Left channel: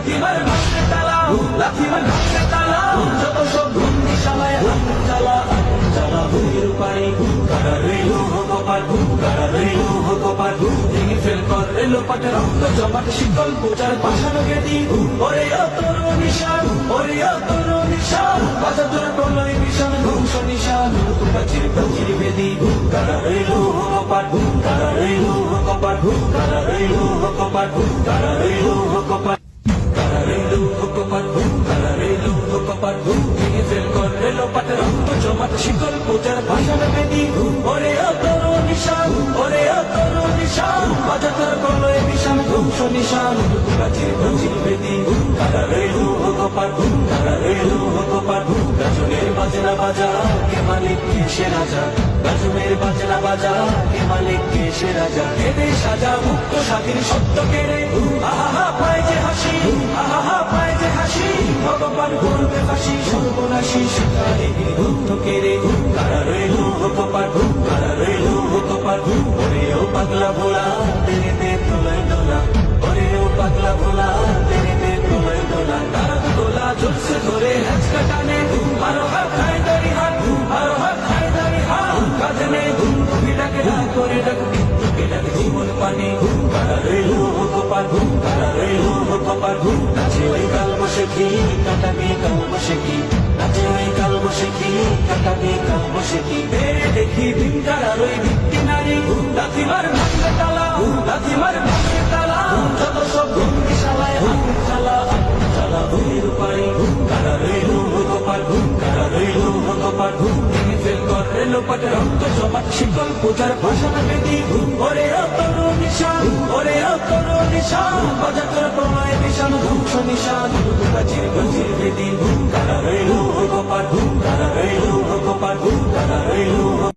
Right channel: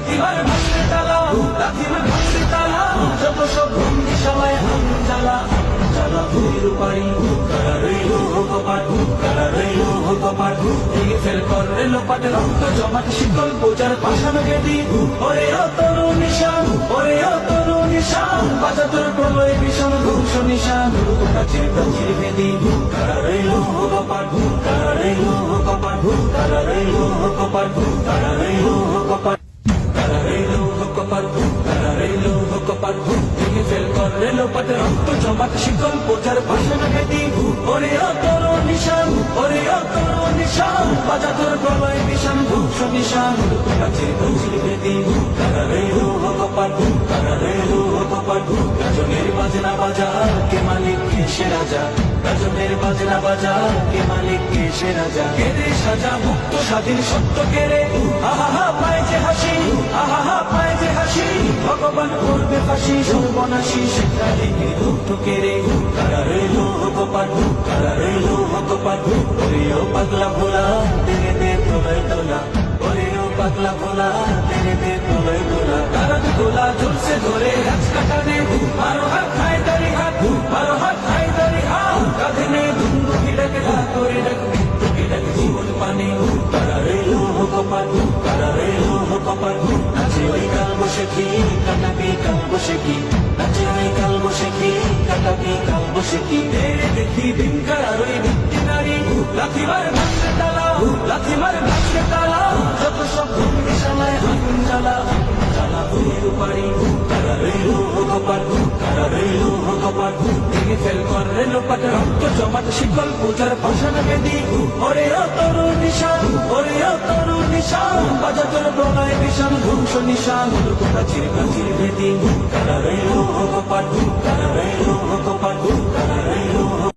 লাথি মার ভাঙতে তালা, লাথি মার ভাঙতে তালা, যত সব বন্দি শালায় আগুন জ্বালা, আগুন জ্বালা ভূমির পাড়ি, কারা রইল কপাট, কারা রইল কপাট, ভেঙে ফেল কর রেল পাট, রক্ত জমাট শিকল বোচার পাশান গেদি, ওরে অতর নিশান, ওরে অতর নিশান, বাজা তোর প্রলয় ভীষণ ধ্বংস নিশান, প্রাচীর প্রাচীর বেদি, কারা রইল কপাট, কারা রইল কপাট, কারা রইল কপাট, কারা রইল কপাট, কারা রইল কপাট, কারা রইল কপাট, ভেঙে ফেল কর রেল পাট, রক্ত জমাট শিকল বোচার পাশান বেদি, ওরে অতর নিশান, ওরে অতর নিশান, বাজা তোর প্রলয় ভীষণ ধ্বংস নিশান, প্রাচীর প্রাচীর বেদি, কারা রইল কপাট, কারা রইল কপাট, গাজনের বাজনা বাজা কে মালিক কে সে রাজা, গাজনের বাজনা বাজা কে মালিক কে সে রাজা, কেড়ে সাজা মুক্ত স্বাধীন সত্য কেড়ে, আহা পায় যে হাসি, আহা পায় যে হাসি, ভগবান করবে ফাঁসি সর্বনাশী, সেটা দেখে দুঃখ কেড়ে, কারা রইল কপাট, কারা রইল কপাট, ওরেও পাগলা ভোলা তেরে দে প্রলয় দোলা, ওরেও পাগলা ভোলা তেরে দে প্রলয় দোলা, তারা গোলা চলছে ধরে হ্যাচ কাটানে, আরো হাত খায় দাড়ি হাত, আরো হাত খায় দাড়ি হাত, কাঁধে নেই ধুন্দু ভিড়াকে ধা করে ডাকে ডাকে জীবন পানি, কারা রইল কপাট, কারা রইল কপাট, নাচে ওই কাল বসে কি কাটাবি কাল বসে কি, নাচে ওই কাল বসে কি কাটাবি কাল বসে কি, দেখি ভিমকার আর ওই ভিত্তি নারী, লাথি মার ভাঙতে তালা, লাথি মার ভাঙতে তালা, যত সব বন্দি শালায় আগুন জ্বালা, আগুন জ্বালা ভূমির পাড়ি, কারা রইল কপাট, কারা রইল কপাট, ভেঙে ফেল কর রেল পাট, রক্ত জমাট শিকল বোচার পাশান বেদি, ওরে অতর নিশান, ওরে অতর নিশান, বাজে তোর প্রলয় ভীষণ ধ্বংস নিশান, প্রাচীর প্রাচীর বেদি, কারা রইল